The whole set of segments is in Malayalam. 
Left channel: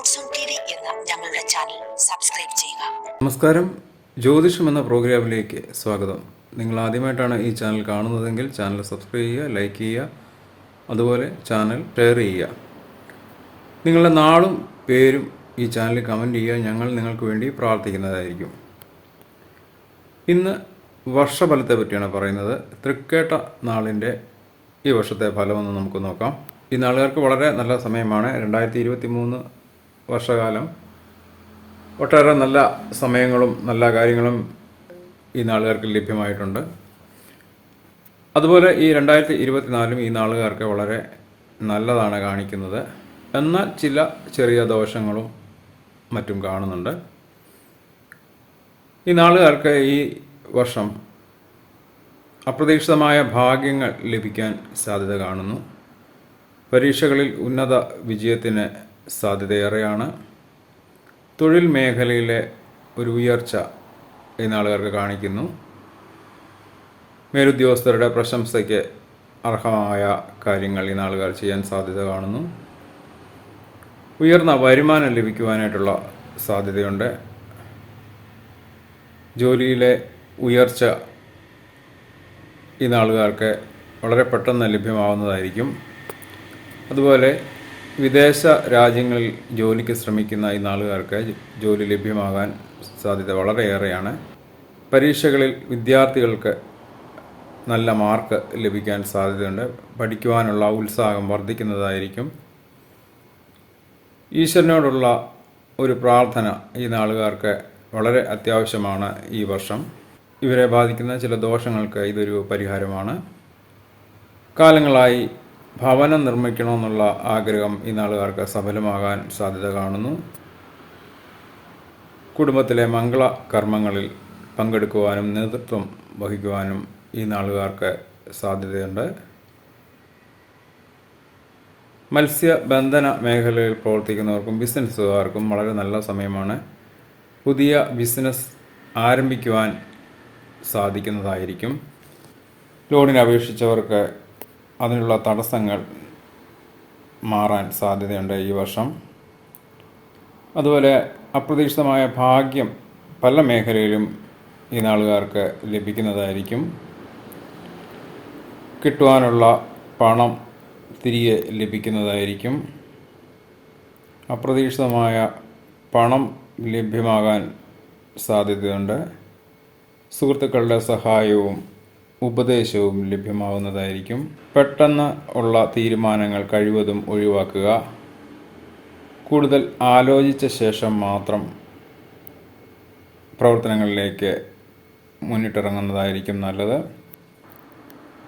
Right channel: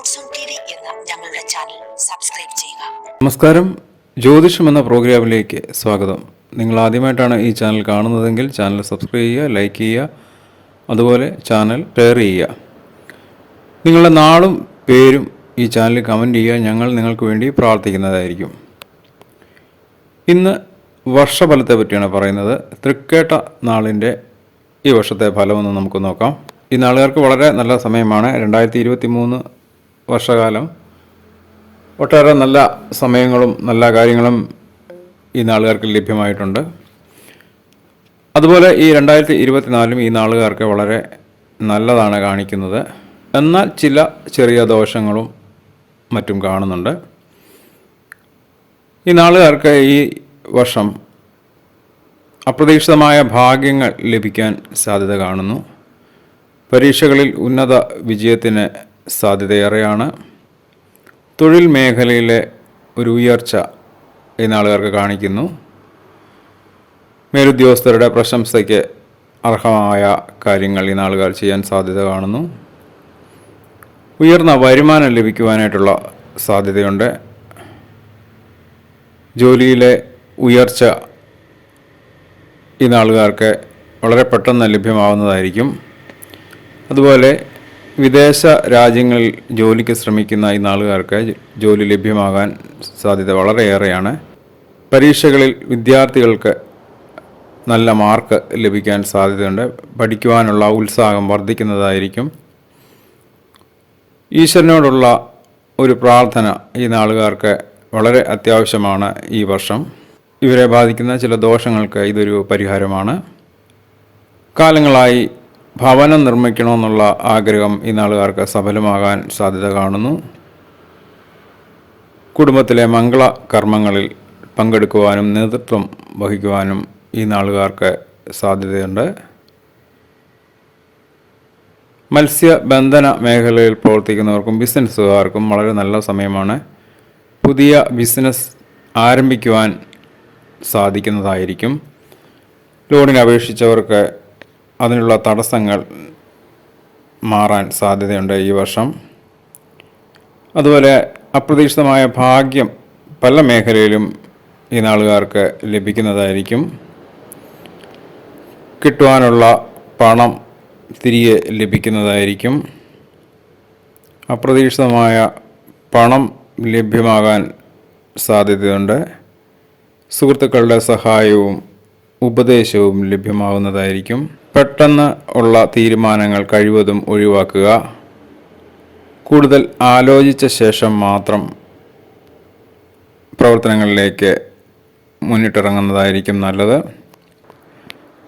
റോഡ് സോൺ ടി വി എന്ന ഞങ്ങളുടെ ചാനൽ സബ്സ്ക്രൈബ് ചെയ്യുക. നമസ്കാരം, ജ്യോതിഷം എന്ന പ്രോഗ്രാമിലേക്ക് സ്വാഗതം. നിങ്ങൾ ആദ്യമായിട്ടാണ് ഈ ചാനൽ കാണുന്നതെങ്കിൽ ചാനൽ സബ്സ്ക്രൈബ് ചെയ്യുക, ലൈക്ക് ചെയ്യുക, അതുപോലെ ചാനൽ ഷെയർ ചെയ്യുക. നിങ്ങളുടെ നാളും പേരും ഈ ചാനലിൽ കമൻറ്റ് ചെയ്യുക. ഞങ്ങൾ നിങ്ങൾക്ക് വേണ്ടി പ്രാർത്ഥിക്കുന്നതായിരിക്കും. ഇന്ന് വർഷഫലത്തെ പറ്റിയാണ് പറയുന്നത്. തൃക്കേട്ട നാളിൻ്റെ ഈ വർഷത്തെ ഫലമൊന്ന് നമുക്ക് നോക്കാം. ഈ നാളുകാർക്ക് വളരെ നല്ല സമയമാണ്. 2023 വർഷകാലം ഒട്ടേറെ നല്ല സമയങ്ങളും നല്ല കാര്യങ്ങളും ഈ നാളുകാർക്ക് ലഭ്യമായിട്ടുണ്ട്. അതുപോലെ ഈ 2024 ഈ നാളുകാർക്ക് വളരെ നല്ലതാണ് കാണിക്കുന്നത്. എന്നാൽ ചില ചെറിയ ദോഷങ്ങളും മറ്റും കാണുന്നുണ്ട്. ഈ നാളുകാർക്ക് ഈ വർഷം അപ്രതീക്ഷിതമായ ഭാഗ്യങ്ങൾ ലഭിക്കാൻ സാധ്യത കാണുന്നു. പരീക്ഷകളിൽ ഉന്നത വിജയത്തിന് സാധ്യതയേറെയാണ്. തൊഴിൽ മേഖലയിലെ ഒരു ഉയർച്ച ഈ നാളുകാർക്ക് കാണിക്കുന്നു. മേലുദ്യോഗസ്ഥരുടെ പ്രശംസയ്ക്ക് അർഹമായ കാര്യങ്ങൾ ഈ നാളുകാർ ചെയ്യാൻ സാധ്യത കാണുന്നു. ഉയർന്ന വരുമാനം ലഭിക്കുവാനായിട്ടുള്ള സാധ്യതയുണ്ട്. ജോലിയിലെ ഉയർച്ച ഈ നാളുകാർക്ക് വളരെ പെട്ടെന്ന് ലഭ്യമാവുന്നതായിരിക്കും. അതുപോലെ വിദേശ രാജ്യങ്ങളിൽ ജോലിക്ക് ശ്രമിക്കുന്ന ഈ നാളുകാർക്ക് ജോലി ലഭ്യമാകാൻ സാധ്യത വളരെയേറെയാണ്. പരീക്ഷകളിൽ വിദ്യാർത്ഥികൾക്ക് നല്ല മാർക്ക് ലഭിക്കാൻ സാധ്യതയുണ്ട്. പഠിക്കുവാനുള്ള ഉത്സാഹം വർദ്ധിക്കുന്നതായിരിക്കും. ഈശ്വരനോടുള്ള ഒരു പ്രാർത്ഥന ഈ നാളുകാർക്ക് വളരെ അത്യാവശ്യമാണ്. ഈ വർഷം ഇവരെ ബാധിക്കുന്ന ചില ദോഷങ്ങൾക്ക് ഇതൊരു പരിഹാരമാണ്. കാലങ്ങളായി ഭവനം നിർമ്മിക്കണമെന്നുള്ള ആഗ്രഹം ഈ നാളുകാർക്ക് സഫലമാകാൻ സാധ്യത കാണുന്നു. കുടുംബത്തിലെ മംഗള കർമ്മങ്ങളിൽ പങ്കെടുക്കുവാനും നേതൃത്വം വഹിക്കുവാനും ഈ നാളുകാർക്ക് സാധ്യതയുണ്ട്. മത്സ്യബന്ധന മേഖലയിൽ പ്രവർത്തിക്കുന്നവർക്കും ബിസിനസ്സുകാർക്കും വളരെ നല്ല സമയമാണ്. പുതിയ ബിസിനസ് ആരംഭിക്കുവാൻ സാധിക്കുന്നതായിരിക്കും. ലോണിന് അപേക്ഷിച്ചവർക്ക് അതിനുള്ള തടസ്സങ്ങൾ മാറാൻ സാധ്യതയുണ്ട് ഈ വർഷം. അതുപോലെ അപ്രതീക്ഷിതമായ ഭാഗ്യം പല മേഖലയിലും ഈ നാളുകാർക്ക് ലഭിക്കുന്നതായിരിക്കും. കിട്ടുവാനുള്ള പണം തിരികെ ലഭിക്കുന്നതായിരിക്കും. അപ്രതീക്ഷിതമായ പണം ലഭ്യമാകാൻ സാധ്യതയുണ്ട്. സുഹൃത്തുക്കളുടെ സഹായവും ഉപദേശവും ലഭ്യമാകുന്നതായിരിക്കും. പെട്ടെന്ന് ഉള്ള തീരുമാനങ്ങൾ കഴിവതും ഒഴിവാക്കുക. കൂടുതൽ ആലോചിച്ച ശേഷം മാത്രം പ്രവർത്തനങ്ങളിലേക്ക് മുന്നിട്ടിറങ്ങുന്നതായിരിക്കും നല്ലത്.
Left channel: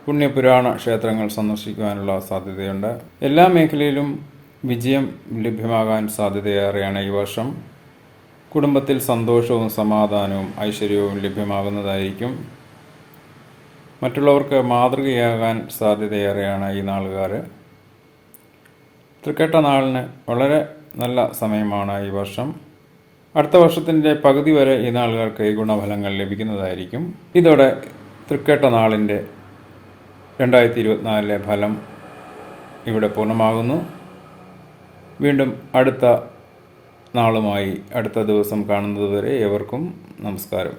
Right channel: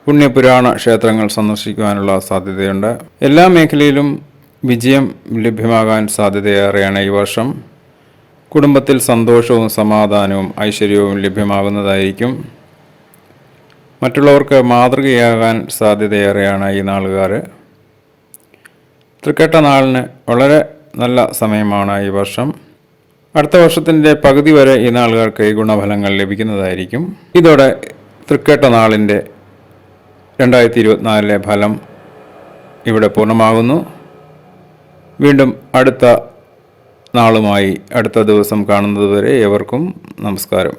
പുണ്യപുരാണ ക്ഷേത്രങ്ങൾ സന്ദർശിക്കുവാനുള്ള സാധ്യതയുണ്ട്. എല്ലാ മേഖലയിലും വിജയം ലഭ്യമാകാൻ സാധ്യതയേറെയാണ് ഈ വർഷം. കുടുംബത്തിൽ സന്തോഷവും സമാധാനവും ഐശ്വര്യവും ലഭ്യമാകുന്നതായിരിക്കും. മറ്റുള്ളവർക്ക് മാതൃകയാകാൻ സാധ്യതയേറെയാണ് ഈ നാളുകാർ. തൃക്കേട്ട നാളിന് വളരെ നല്ല സമയമാണ് ഈ വർഷം. അടുത്ത വർഷത്തിൻ്റെ പകുതി വരെ ഈ നാളുകാർക്ക് ഈ ഗുണഫലങ്ങൾ ലഭിക്കുന്നതായിരിക്കും. ഇതോടെ തൃക്കേട്ട നാളിൻ്റെ 2024 ഫലം ഇവിടെ പൂർണ്ണമാകുന്നു. വീണ്ടും അടുത്ത നാളുമായി അടുത്ത ദിവസം കാണുന്നതുവരെ ഏവർക്കും നമസ്കാരം.